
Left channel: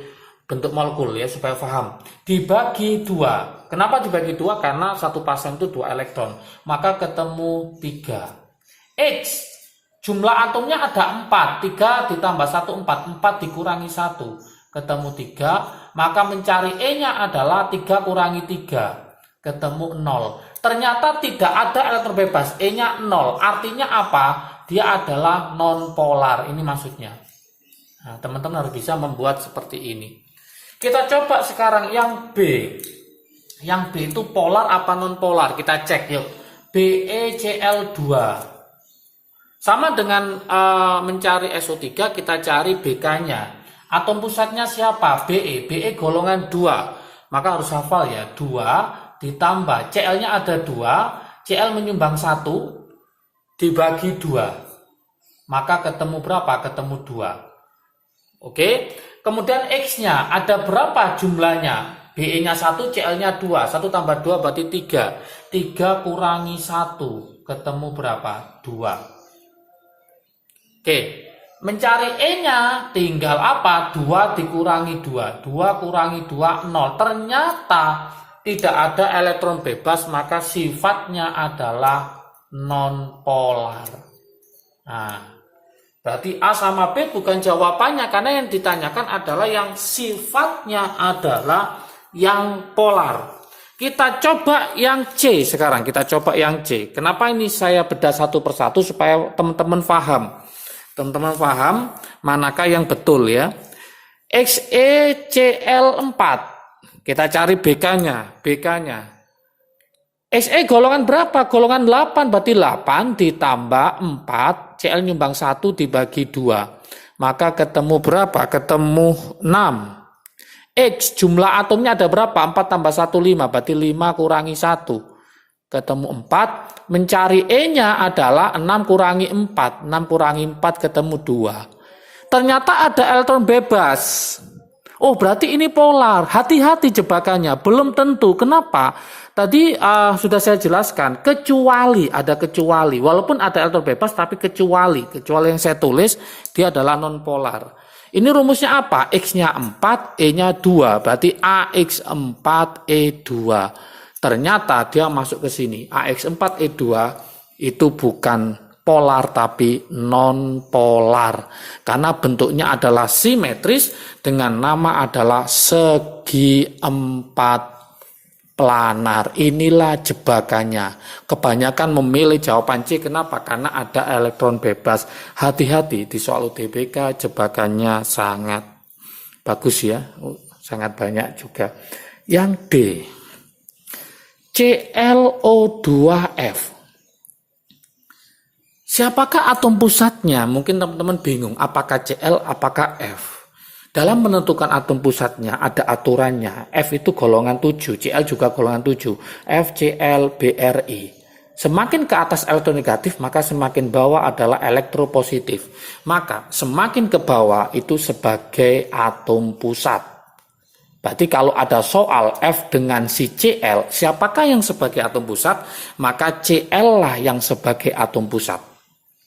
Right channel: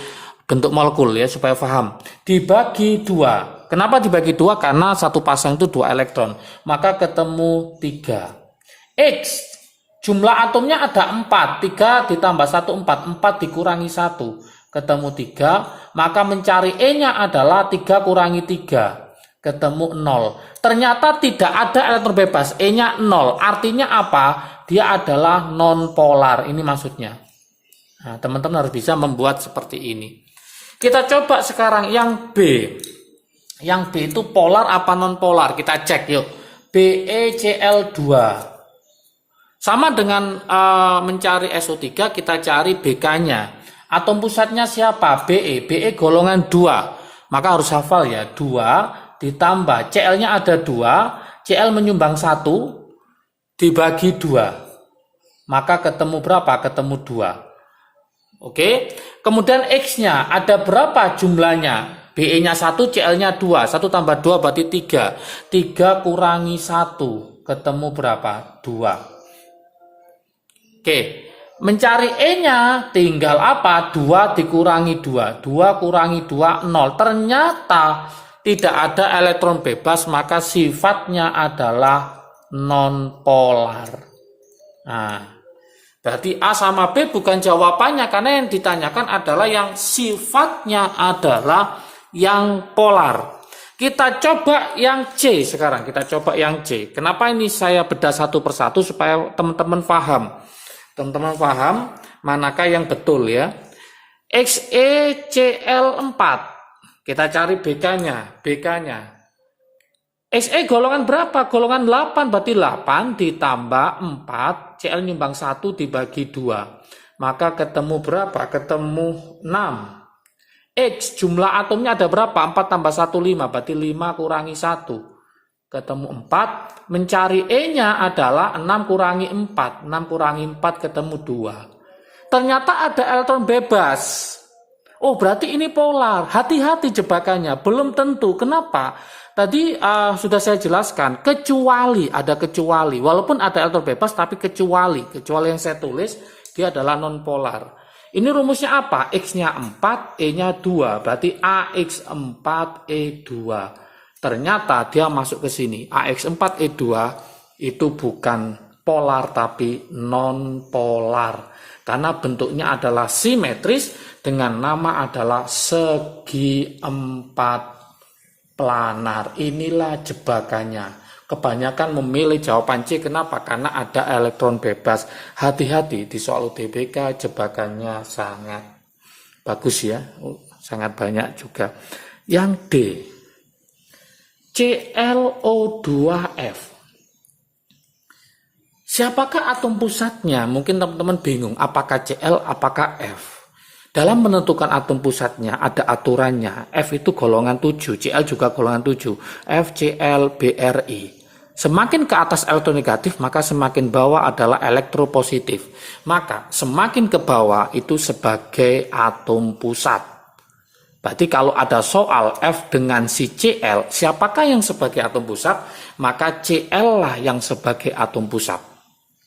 bentuk molekul ya supaya paham. Dibagi 2. Kenapa dibagi 2? Karena satu pasang itu 2 elektron. Maka ketemu 3. X, jumlah atomnya ada 4. 3 ditambah 1, 4. 4 dikurangi 1. Ketemu 3. Maka mencari E-nya adalah 3 kurangi 3. Ketemu 0. Ternyata tidak ada elektron bebas. E-nya 0. Artinya apa? Dia adalah non polar. Ini maksudnya. Nah, teman-teman harus bisa membuat seperti ini. Kita coba sekarang yang B. Yang B itu polar apa non polar? Kita cek yuk. BeCl2. Sama dengan mencari SO3, kita cari BK-nya. Atom pusatnya siapa? Be. Be golongan 2. Maka harus hafal ya. 2 ditambah Cl-nya ada 2, Cl menyumbang 1 dibagi 2. Maka ketemu berapa? Ketemu 2. Oke. Kemudian X-nya ada berapa jumlahnya? Be-nya 1, Cl-nya 2. 1 tambah 2 berarti 3. 3 kurangi 1. Ketemu berapa? 2. Oke. Mencari E-nya tinggal apa? 2 dikurangi 2. 2 kurangi 2, 0. Ternyata tidak ada elektron bebas, maka sifatnya adalah non polar. Nah, berarti A sama B bukan jawabannya, karena yang ditanyakan adalah yang sifatnya adalah yang polar. Kita coba yang C sekarang. Kita coba yang C. Kenapa ini saya bedah satu persatu supaya teman-teman paham. Teman-teman paham manakah yang betul ya. XeCl4. Kita cari BK-nya. Xe golongan berapa? Golongan 8. Berarti 8 ditambah 4. Cl nyumbang 1 dibagi 2. Maka ketemu berapa? Ketemu 6. X jumlah atomnya ada berapa? 4 tambah 1, 5. Berarti 5 kurangi 1. Ketemu 4. Mencari E-nya adalah 6 kurangi 4. 6 kurangi 4 ketemu 2. Ternyata ada elektron bebas. Oh, berarti ini polar. Hati-hati jebakannya. Belum tentu. Kenapa? Tadi sudah saya jelaskan. Kecuali, ada kecuali. Walaupun ada elektron bebas, tapi kecuali. Kecuali yang saya tulis, dia adalah non polar. Ini rumusnya apa? X-nya 4, E-nya 2. Berarti AX4E2. Ternyata dia masuk ke sini. AX4E2 itu bukan polar, tapi non polar. Karena bentuknya adalah simetris, dengan nama adalah segi 4 planar. Inilah jebakannya. Kebanyakan memilih jawaban C. Kenapa? Karena ada elektron bebas. Hati-hati di soal UTBK, jebakannya sangat bagus ya. Sangat banyak juga. Yang D. ClO2F. Siapakah atom pusatnya? Mungkin teman-teman bingung. Apakah Cl, apakah F? Dalam menentukan atom pusatnya ada aturannya. F itu golongan 7, Cl juga golongan 7. FCl BRI. Semakin ke atas elektronegatif, maka semakin bawah adalah elektropositif. Maka semakin ke bawah itu sebagai atom pusat. Berarti kalau ada soal F dengan si Cl, siapakah yang sebagai atom pusat? Maka Cl lah yang sebagai atom pusat.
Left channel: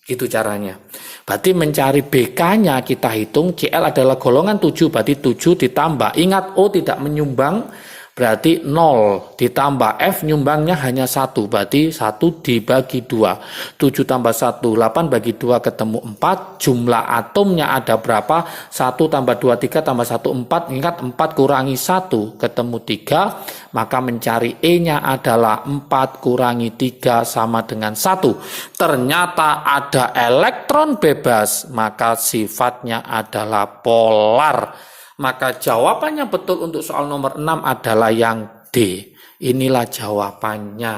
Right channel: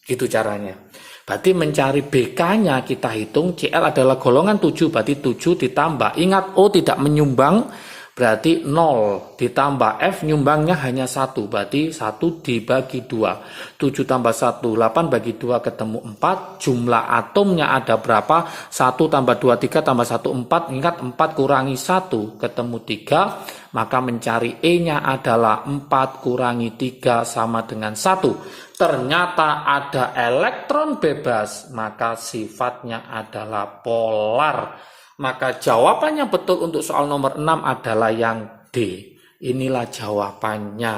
Gitu caranya. Berarti mencari BK-nya kita hitung, Cl adalah golongan 7, berarti 7 ditambah. Ingat O tidak menyumbang, berarti 0 ditambah F nyumbangnya hanya 1, berarti 1 dibagi 2. 7 tambah 1, 8 bagi 2 ketemu 4. Jumlah atomnya ada berapa? 1 tambah 2, 3 tambah 1, 4. Ingat 4 kurangi 1 ketemu 3. Maka mencari E-nya adalah 4 kurangi 3 sama dengan 1. Ternyata ada elektron bebas, maka sifatnya adalah polar. Maka jawabannya betul untuk soal nomor 6 adalah yang D. Inilah jawabannya.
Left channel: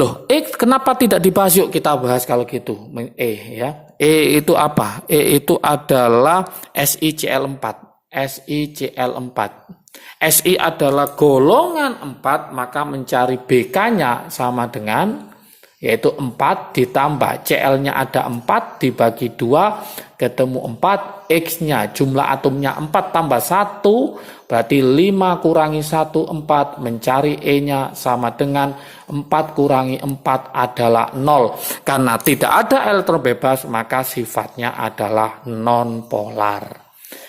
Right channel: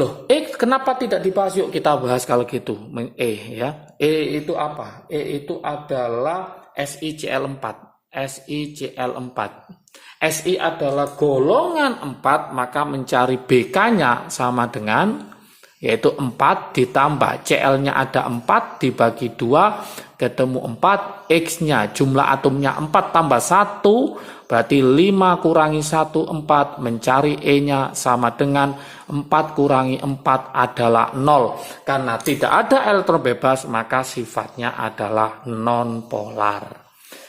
Loh, kenapa tidak dibahas? Yuk kita bahas kalau gitu. Ya. E itu apa? E itu adalah SiCl4. SiCl4. Si adalah golongan 4, maka mencari BK-nya sama dengan, yaitu 4 ditambah Cl-nya ada 4 dibagi 2 ketemu 4, X-nya jumlah atomnya 4 tambah 1 berarti 5 kurangi 1 4, mencari E-nya sama dengan 4 kurangi 4 adalah 0. Karena tidak ada elektron bebas maka sifatnya adalah non-polar.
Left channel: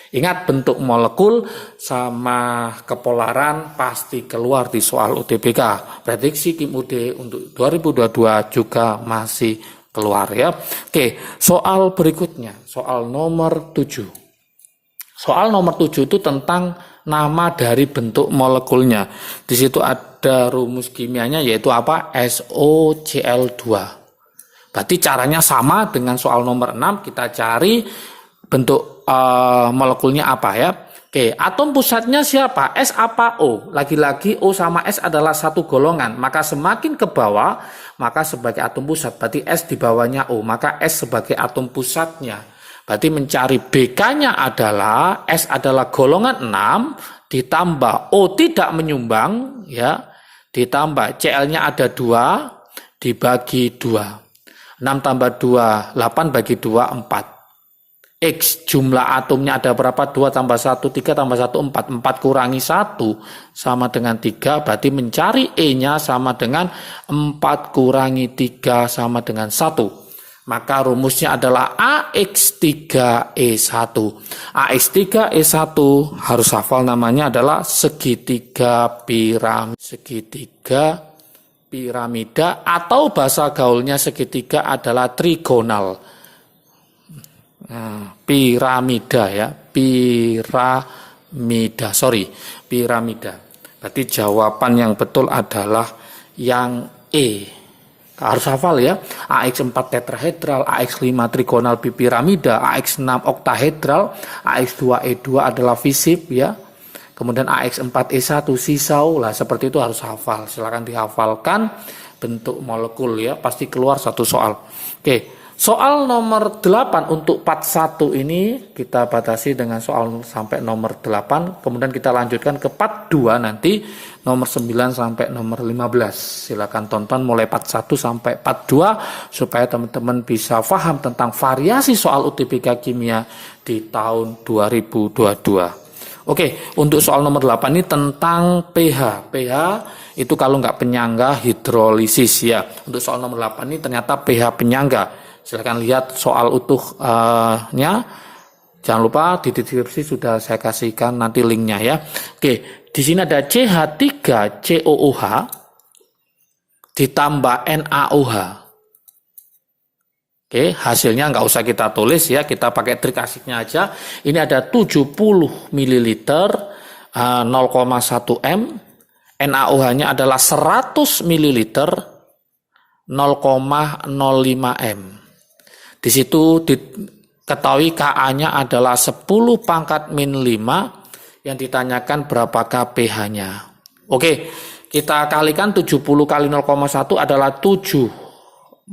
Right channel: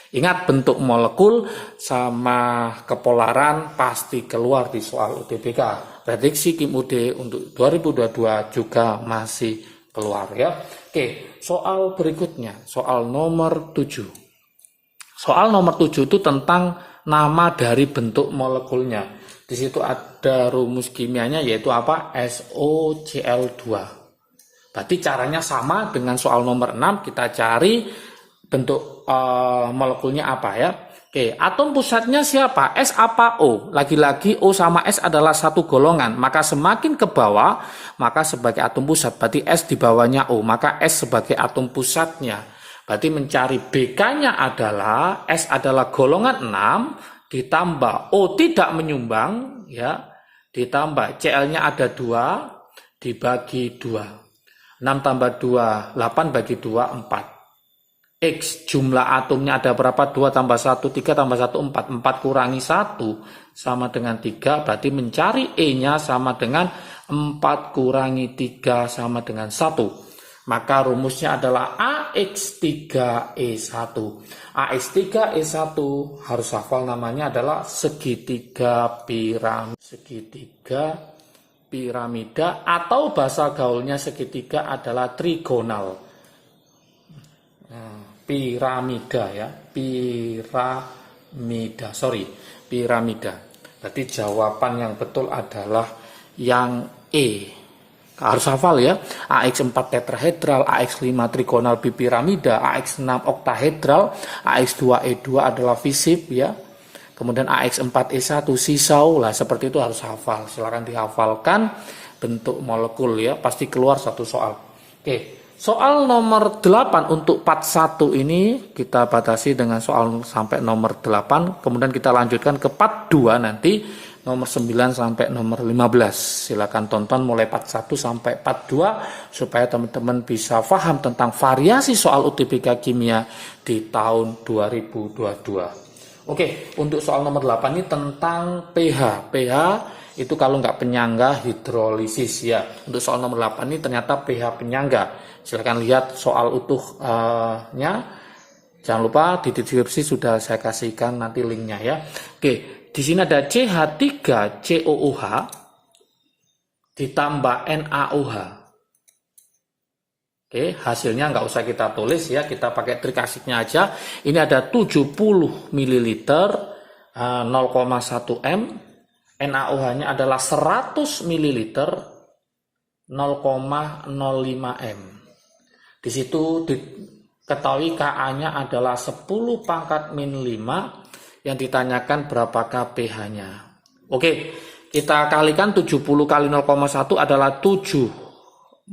Ingat, bentuk molekul sama kepolaran pasti keluar di soal UTBK. Prediksi Kim UD untuk 2022 juga masih keluar ya. Oke, soal berikutnya, soal nomor 7. Soal nomor 7 itu tentang nama dari bentuk molekulnya. Di situ ada rumus kimianya yaitu apa? SOCl2. Berarti caranya sama dengan soal nomor 6, kita cari bentuk molekulnya apa ya. Oke, atom pusatnya siapa? S apa O? Lagi-lagi O sama S adalah satu golongan, maka semakin ke bawah maka sebagai atom pusat, berarti S di bawahnya O, maka S sebagai atom pusatnya. Berarti mencari BK-nya adalah S adalah golongan 6 ditambah O tidak menyumbang ya, ditambah Cl-nya ada 2 dibagi 2. 6 tambah 2 8 bagi 2 4. X jumlah atomnya ada berapa? 2 tambah 1, 3 tambah 1, 4. 4 kurangi 1 sama dengan 3. Berarti mencari E-nya sama dengan 4 kurangi 3 sama dengan 1. Maka rumusnya adalah AX3E1. AX3E1 harus hafal namanya adalah segitiga piramida atau bahasa gaulnya segitiga adalah trigonal. Piramida ya, piramida. Berarti jawaban yang betul adalah yang E. Harus hafal ya. AX4 tetrahedral, AX5 trigonal bipiramida, AX6 oktahedral, AX2E2 adalah fisip ya. Kemudian AX4E1 sisau lah, seperti itu harus hafal. Silakan dihafalkan bentuk molekul ya, pasti keluar satu soal. Oke. Soal nomor 8 untuk part 1 ini kita batasi dengan soal sampai nomor 8. Kemudian kita lanjutkan ke part 2 nanti nomor 9 sampai nomor 15. Silakan tonton mulai part 1 sampai part 2 supaya teman-teman bisa paham tentang variasi soal UTBK kimia di tahun 2022. Oke, untuk soal nomor 8 ini tentang pH. pH itu kalau nggak penyangga hidrolisis ya. Untuk soal nomor 8 ini ternyata pH penyangga. Silahkan lihat soal utuhnya. Jangan lupa di deskripsi sudah saya kasihkan nanti linknya ya. Oke, di sini ada CH3COOH ditambah NaOH. Oke, hasilnya nggak usah kita tulis ya, kita pakai trik asiknya aja. Ini ada 70 ml 0,1 M. NaOH-nya adalah 100 ml 0,05 M. Di situ diketahui Ka-nya adalah 10 pangkat min 5, yang ditanyakan berapakah pH-nya. Oke, kita kalikan 70 kali 0,1 adalah 7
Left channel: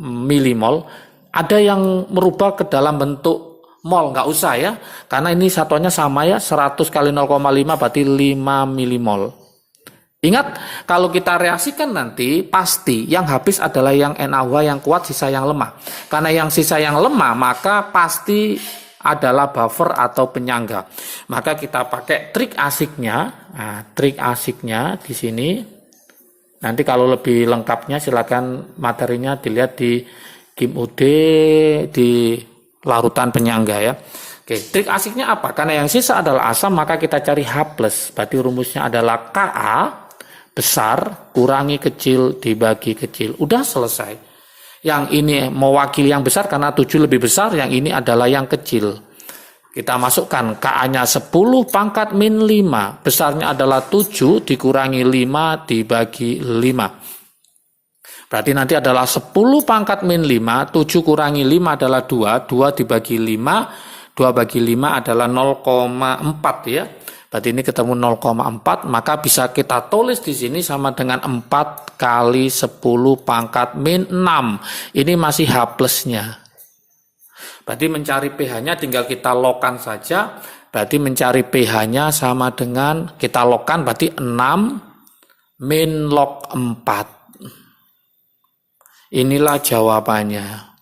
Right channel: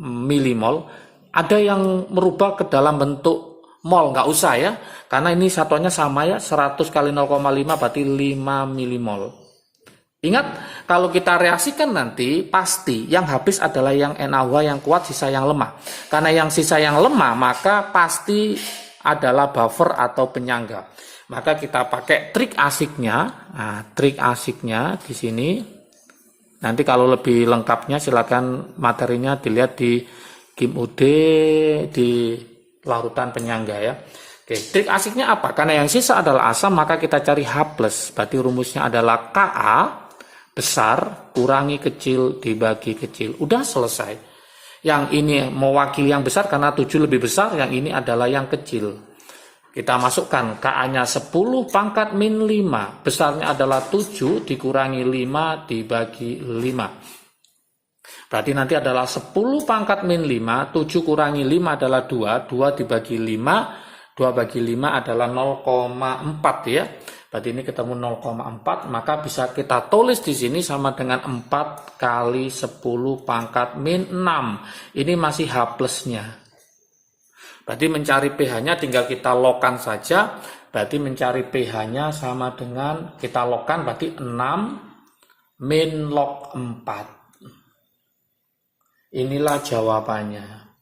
milimol. Ada yang merubah ke dalam bentuk mol, nggak usah ya, karena ini satuannya sama ya, 100 kali 0,5 berarti 5 milimol. Ingat, kalau kita reaksikan nanti, pasti yang habis adalah yang NaOH yang kuat, sisa yang lemah. Karena yang sisa yang lemah, maka pasti adalah buffer atau penyangga. Maka kita pakai trik asiknya. Nah, trik asiknya di sini. Nanti kalau lebih lengkapnya silakan materinya dilihat di GIM-UD di larutan penyangga ya. Oke, trik asiknya apa? Karena yang sisa adalah asam, maka kita cari H+. Berarti rumusnya adalah Ka besar kurangi kecil dibagi kecil. Udah selesai. Yang ini mewakili yang besar karena 7 lebih besar, yang ini adalah yang kecil. Kita masukkan Ka-nya 10 pangkat min 5. Besarnya adalah 7 dikurangi 5 dibagi 5. Berarti nanti adalah 10 pangkat min 5. 7 kurangi 5 adalah 2. 2 dibagi 5. 2 bagi 5 adalah 0,4 ya. Berarti ini ketemu 0,4. Maka bisa kita tulis di sini sama dengan 4 kali 10 pangkat min 6. Ini masih H plusnya. Berarti mencari pH-nya tinggal kita logkan saja. Berarti mencari pH-nya sama dengan kita logkan berarti 6 min log 4. Inilah jawabannya.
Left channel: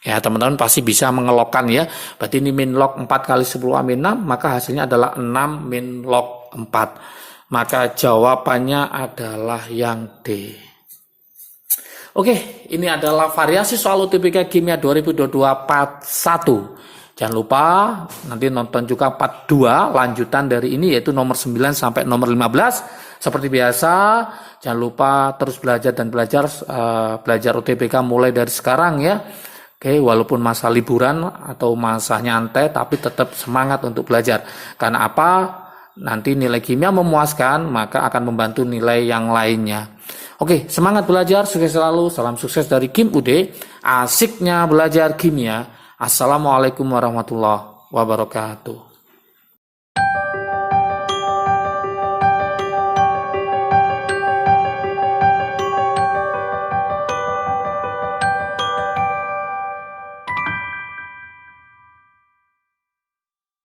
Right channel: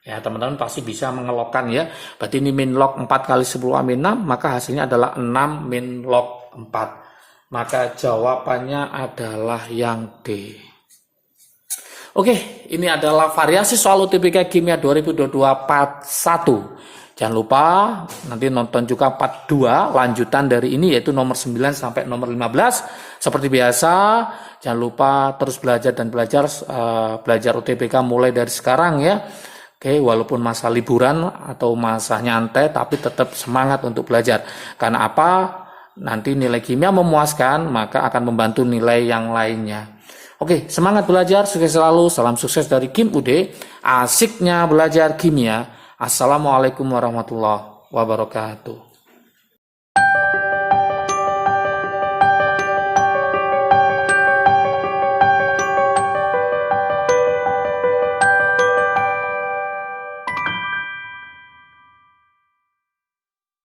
Ya teman-teman pasti bisa mengelokkan ya. Berarti ini min log 4 kali 10 min 6. Maka hasilnya adalah 6 min log 4. Maka jawabannya adalah yang D. Oke, ini adalah variasi soal UTBK Kimia 2022 part 1. Jangan lupa nanti nonton juga part 2 lanjutan dari ini yaitu nomor 9 sampai nomor 15. Seperti biasa, jangan lupa terus belajar dan belajar UTBK mulai dari sekarang ya. Oke, walaupun masa liburan atau masa nyantai tapi tetap semangat untuk belajar. Karena apa? Nanti nilai kimia memuaskan, maka akan membantu nilai yang lainnya. Oke, semangat belajar, sukses selalu, salam sukses dari GIM-UD, asiknya belajar kimia. Assalamualaikum warahmatullahi wabarakatuh.